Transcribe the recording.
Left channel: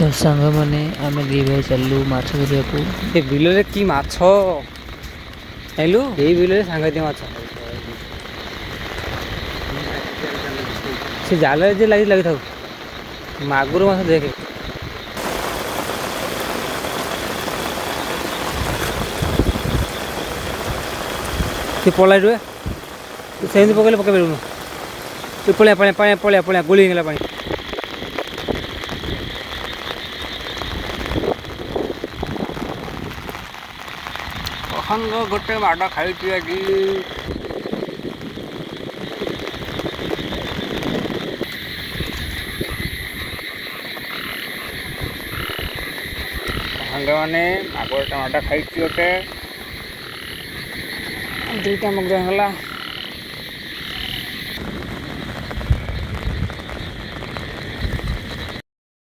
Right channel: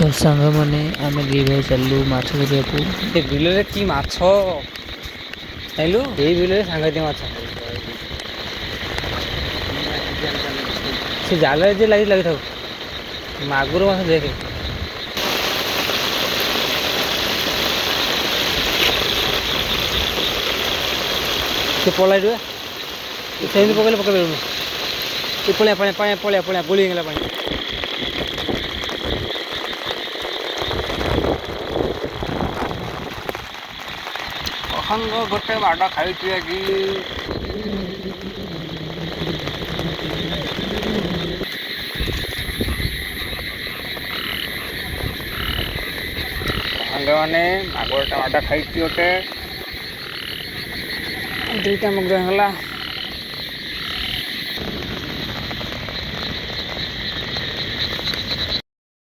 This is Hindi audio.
तो सांग मैंने आम दी भाई चलू माछ धरिया को बिल कि माछ हेलु ये बिल सांगत माछ से जाल जे लगी लगी था मागुर माछ देखे से पलाई रुए से पकड़े पकड़ पलिया पानी पानी पलिया पलिया गुली गला पानी अहंग गोटे माड़ खाई कि मैंने मागुरटा माड़ खाई दुईटा मगुर गला